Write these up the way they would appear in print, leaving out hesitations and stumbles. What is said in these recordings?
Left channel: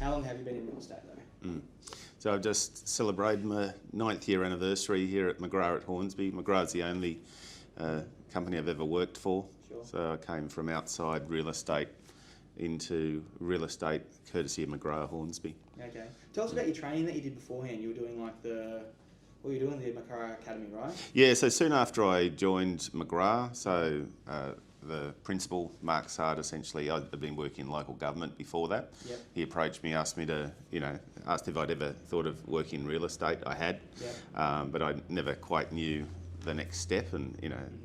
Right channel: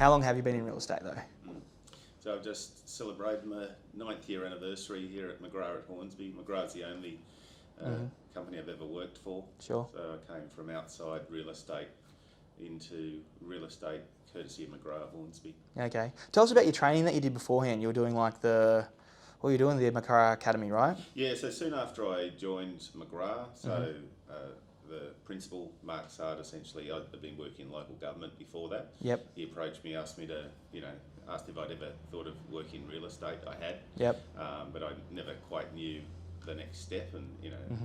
How long have you been in real estate though? So I've just celebrated my 9th year anniversary here at McGrath at Hornsby. McGrath's the only company I've ever worked for. Sure. So I came from outside real estate into real estate courtesy of McGrath Hornsby. Okay. Tell us about your training that you did beforehand. You were doing like the McGrath Academy, right? Yeah, so soon after I joined McGrath, the principal, Mark Sard, essentially, I'd been working in local government before that. Yep. He approached me, asked me to, asked if I'd ever thought of working in real estate. I had. Yep. But I never quite knew the next step, and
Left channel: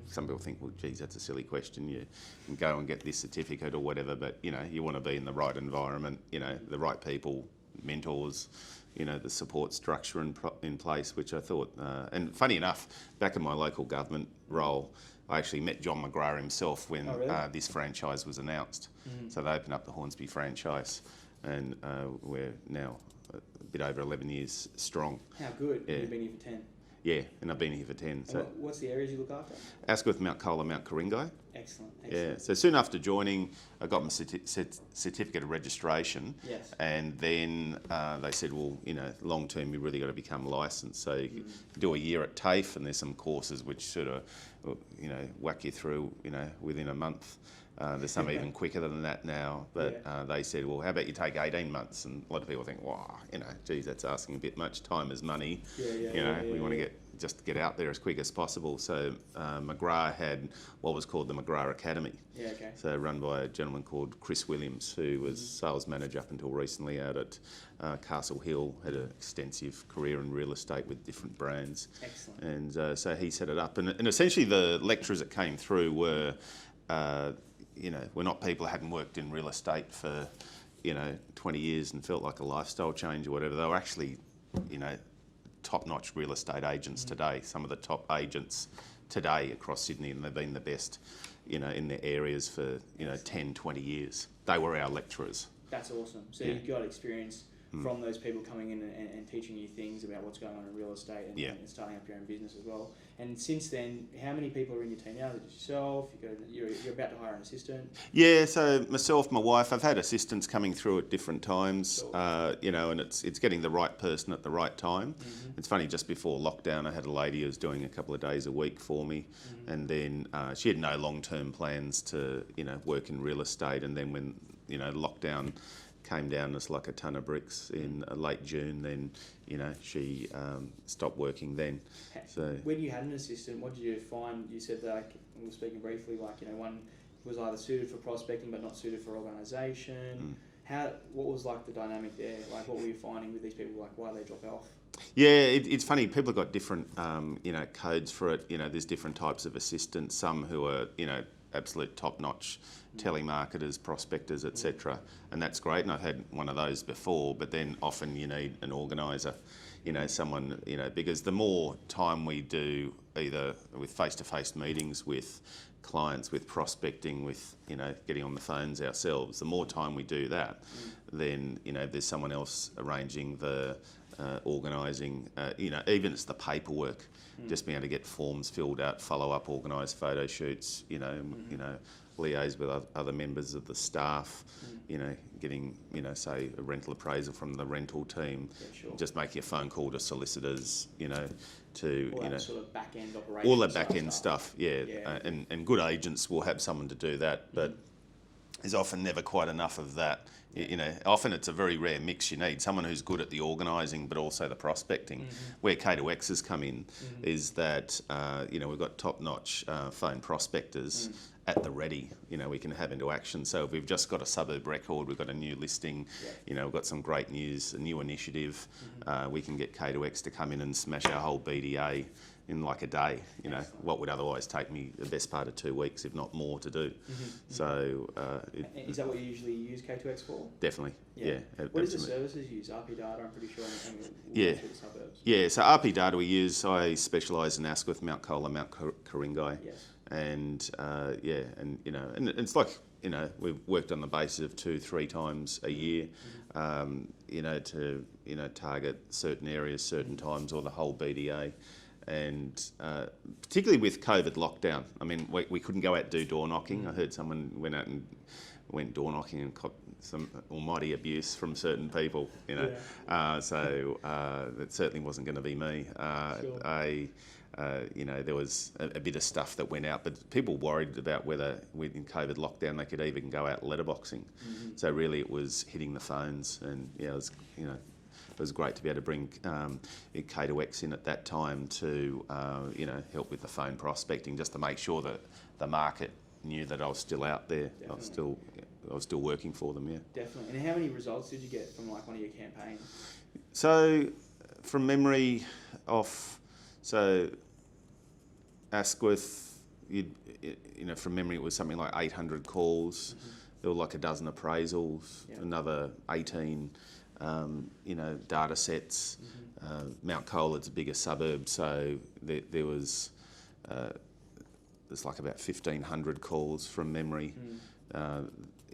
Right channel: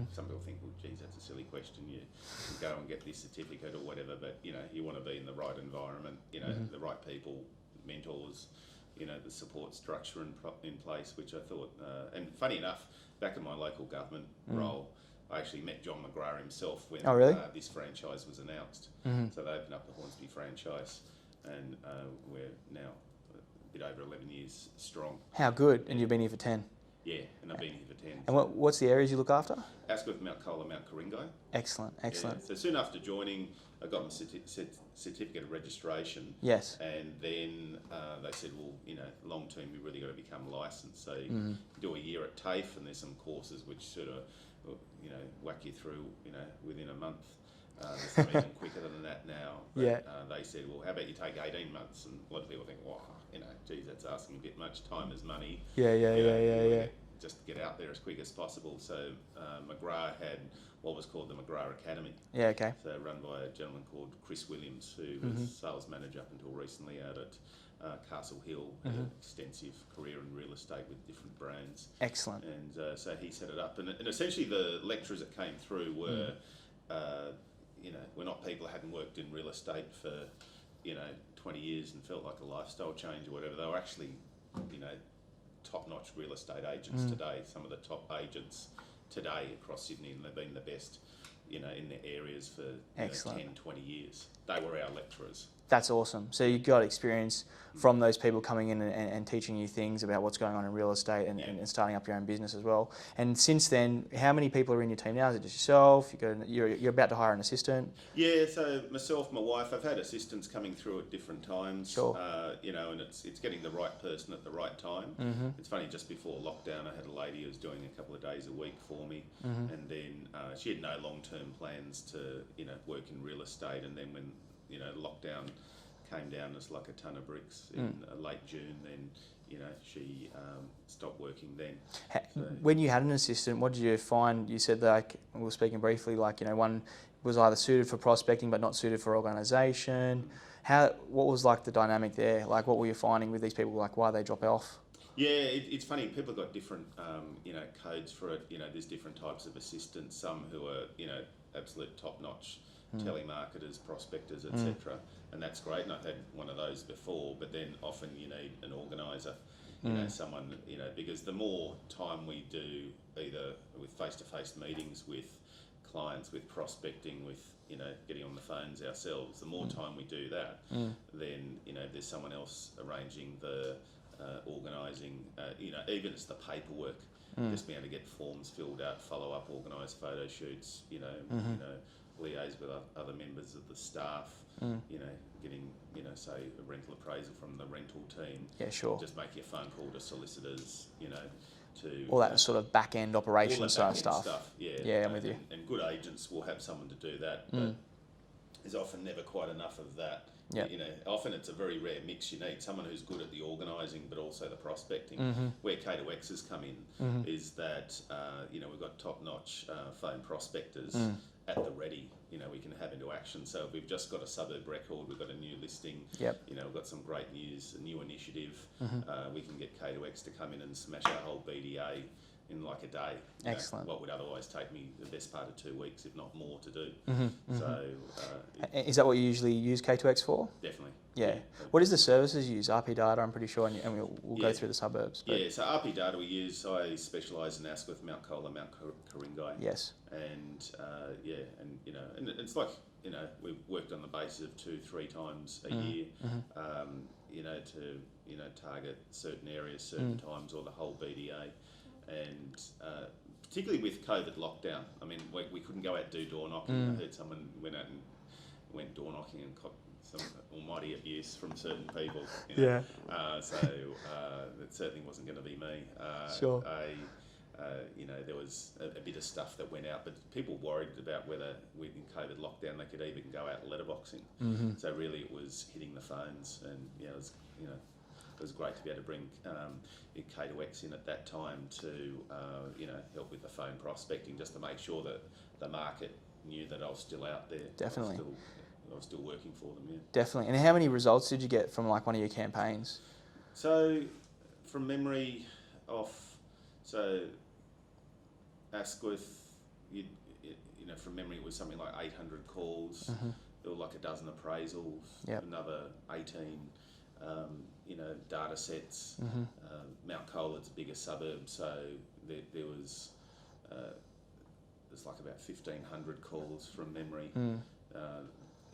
some people think, well, geez, that's a silly question. You can go and get this certificate or whatever, but you want to be in the right environment, the right people, mentors, the support structure in place, which I thought, and funny enough, back in my local government role, I actually met John McGrath himself when this franchise was announced. So they opened up the Hornsby franchise, and we're now a bit over 11 years strong. How good, and you've been here for 10. Yeah, and I've been here for 10. And what's the areas you look after? Asquith, Mount Colah, Mount Coringai. Excellent, excellent. Yeah. So soon after joining, I got my certificate of registration. Yes. And then they said, well, long term, you've really got to become licensed. So you can do a year at TAFE, and there's some courses which sort of, whack you through, within a month. There's some even quicker than that now. But they said, well, how about you take 18 months? And a lot of people think, wow, geez, that's asking a bit much. Time is money. You want to get out there as quick as possible. So McGrath had what was called the McGrath Academy. Yeah, okay. So run by a gentleman called Chris Williams, who was sales manager up until recently out at Castle Hill, had an extensive career in real estate with different brands. Excellent. And so he set it up. And essentially the lecturers that came through were, were not people who hadn't worked in real estate for, 20 years and felt like a lifestyle change or whatever. They were actually, top-notch real estate agents today. Some of the top agents today across Sydney, and they've been the best, in their areas for 10, 20 years. They were our lecturers. That's awesome. So you got experience from those people coming in and teaching you things about what's going on in real estate and starting up your own business as well. And since then, how many people are in your team now? Is it just yourself? You're about to hire an assistant? Yeah, so myself, my wife, I've had assistants coming through at different times, sure. And it's getting the right person at the right time. It's funny, just before lockdown, I had a lady who was doing a couple of days a week for me, and then she had no long-term plans to, work in real estate, and then when, lockdown came down as like a ton of bricks in late June, then she stopped working then. So when you had an assistant, what did you find? You said that, we were speaking briefly, one was either suited for prospecting but not suited for organisation. What was like the dynamic there? Like, what were you finding with these people? Like, why they drop off? Yeah, it's funny. People have got different codes for it. There's different types of assistants. Some who are absolute top-notch telemarketers, prospectors, etc. And that's great, and I've had one of those before, but then often you need an organiser, someone, because the more time we do either with face-to-face meetings with clients, with prospecting, with, getting on the phones ourselves, the more time we do that, then, there's someone else arranging the organising, even it's the paperwork, just being able to get forms filled out, follow up, organise photo shoots, liaise with other members of the staff, getting, say a rental appraisal from the rental team. Yeah, sure. Just making a phone call to solicitors, to... all that sort of back-end operation all that back-end stuff, yeah. And good agents will have someone to do that, but there's often never quite enough of that. Yeah. Often it's a very rare mix. You need someone who's good at the organising, but also the prospecting. Where K2X has come in is that, we've got top-notch phone prospectors at the ready. We can have into action. So if we've just got a suburb record, we've got a new listing, we've got some great news, a new initiative, we can get K2X to come in and smash our whole BDA in like a day. What would otherwise take me the best part of 2 weeks, if not more, to do. So is that what you usually use K2X for? Definitely. Yeah. What is the services you use? RP data, I'm pretty sure, and we'll go through the suburbs. But yeah, so RP data we use, I specialise in Asquith, Mount Colah, Mount Coringai. Yes. And and it's like, we've worked on the basis of 2-3 times a year, to target certain areas, certain times, or the whole BDA. And particularly with COVID lockdown, I mean, we couldn't go out and do door knocking. I heard someone went out and went door knocking and some almighty abuse from certain people, you know. So it certainly wasn't going to be me. Sure. You know, there was a bit of stuff that went out, but people worried about whether within COVID lockdown they could even go out letterboxing. So really, it was hitting the phones, and yeah, it was, you know, it was great to be able to bring K2X in at that time to you know, help with the phone prospecting, just to make sure that the market knew that I was still out there. Definitely. I was still working for them. Yeah. Definitely. And how many results did you get from like one of your campaigns? So, from memory, so Asquith, you know, from memory, it was something like 800 calls. There were like a dozen appraisals, another 18, you know, data sets. Mount Colar's a bigger suburb, so there was there's like about 1,500 calls from memory.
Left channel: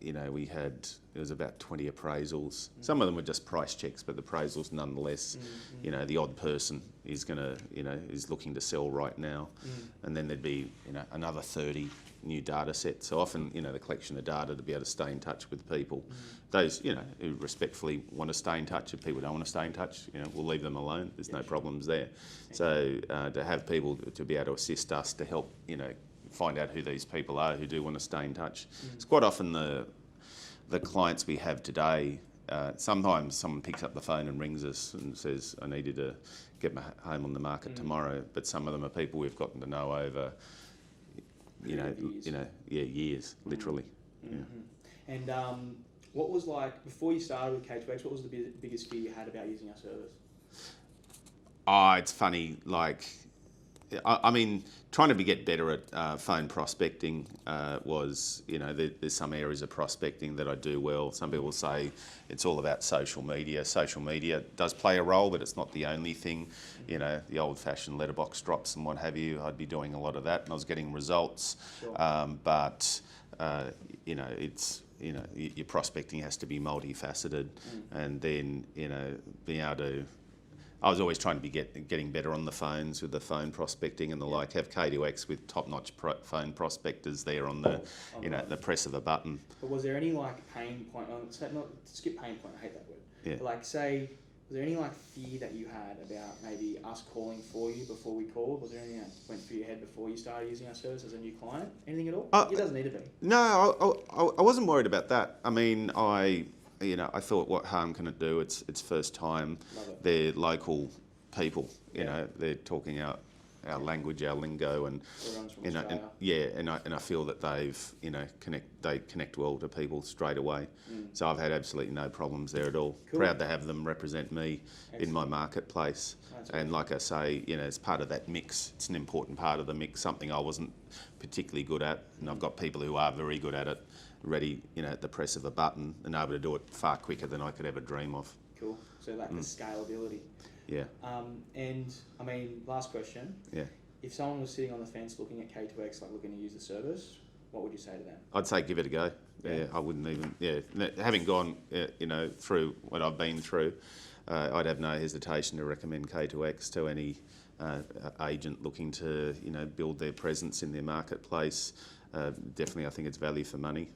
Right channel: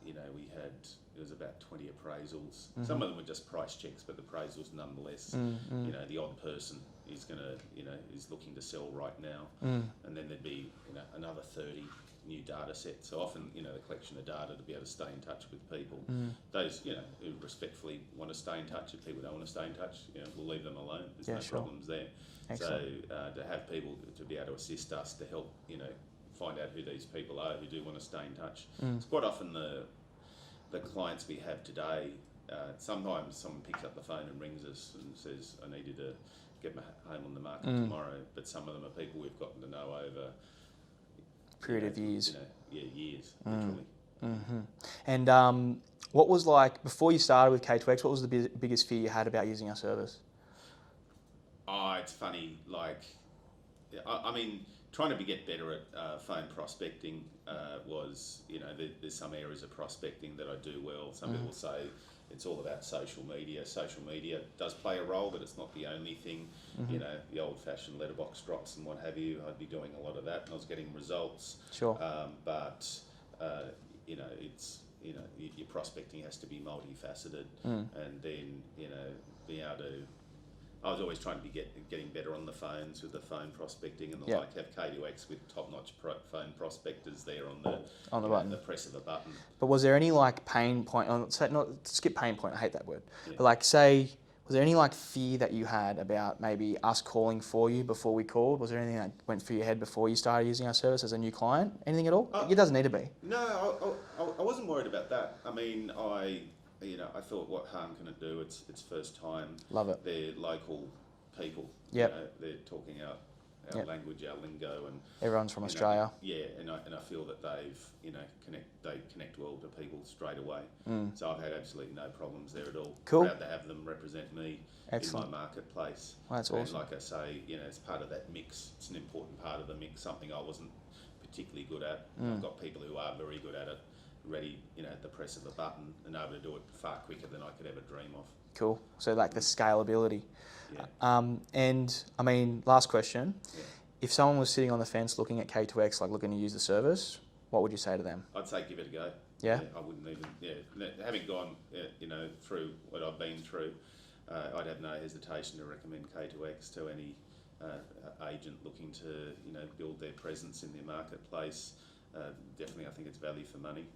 You know, it was about 20 appraisals. Some of them were just price checks, but the appraisals nonetheless. You know, the odd person is is looking to sell right now, and then there'd be, you know, another 30 new data sets. So often, you know, the collection of data to be able to stay in touch with people. Those, you know, who respectfully want to stay in touch. If people don't want to stay in touch, you know, we'll leave them alone. There's no problems there. Excellent. So to have people to be able to assist us to help, you know, find out who these people are who do want to stay in touch. It's quite often the clients we have today. Sometimes someone picks up the phone and rings us and says, "I needed to get my home on the market tomorrow." But some of them are people we've gotten to know over years. You know, years, literally. And what was, like, before you started with K2X, what was the biggest fear you had about using our service? Oh, it's funny. Like, I mean, trying to get better at phone prospecting was, you know, there's some areas of prospecting that I do well. Some people say it's all about social media. Social media does play a role, but it's not the only thing. You know, the old-fashioned letterbox drops and what have you, I'd be doing a lot of that, and I was getting results. Sure. But, you know, it's, you know, your prospecting has to be multifaceted, and then, you know, being able to... I was always trying to be getting better on the phones with the phone prospecting and the like. Have K2X with top-notch phone prospectors there on the the press of a button. But was there any, like, pain point? Not skip pain point. I hate that word. Yeah. But, like, say, was there any, like, fear that you had about maybe us calling for you before we called? Was there anything that went through your head before you started using our service as a new client? Anything at all? It doesn't need to be. No, I wasn't worried about that. I mean, you know, I thought, what harm can it do? It's first time. Love it. They're local people. You know, they're talking our language, our lingo, and everyone's from you know, Australia. and I feel that they've, you know, connect well to people straight away. So I've had absolutely no problems there at all. Cool. Proud to have them represent me in my marketplace. That's awesome. And like I say, you know, as part of that mix, it's an important part of the mix. Something I wasn't particularly good at, and I've got people who are very good at it, ready, you know, at the press of a button, and able to do it far quicker than I could ever dream of. Cool. So, like, the scalability. Yeah. And I mean, last question. Yeah. If someone was sitting on the fence looking at K2X, like looking to use the service, what would you say to them? I'd say give it a go. Yeah. I wouldn't even. Yeah. Having gone, you know, through what I've been through, I'd have no hesitation to recommend K2X to any agent looking to, you know, build their presence in their marketplace. Definitely, I think it's value for money.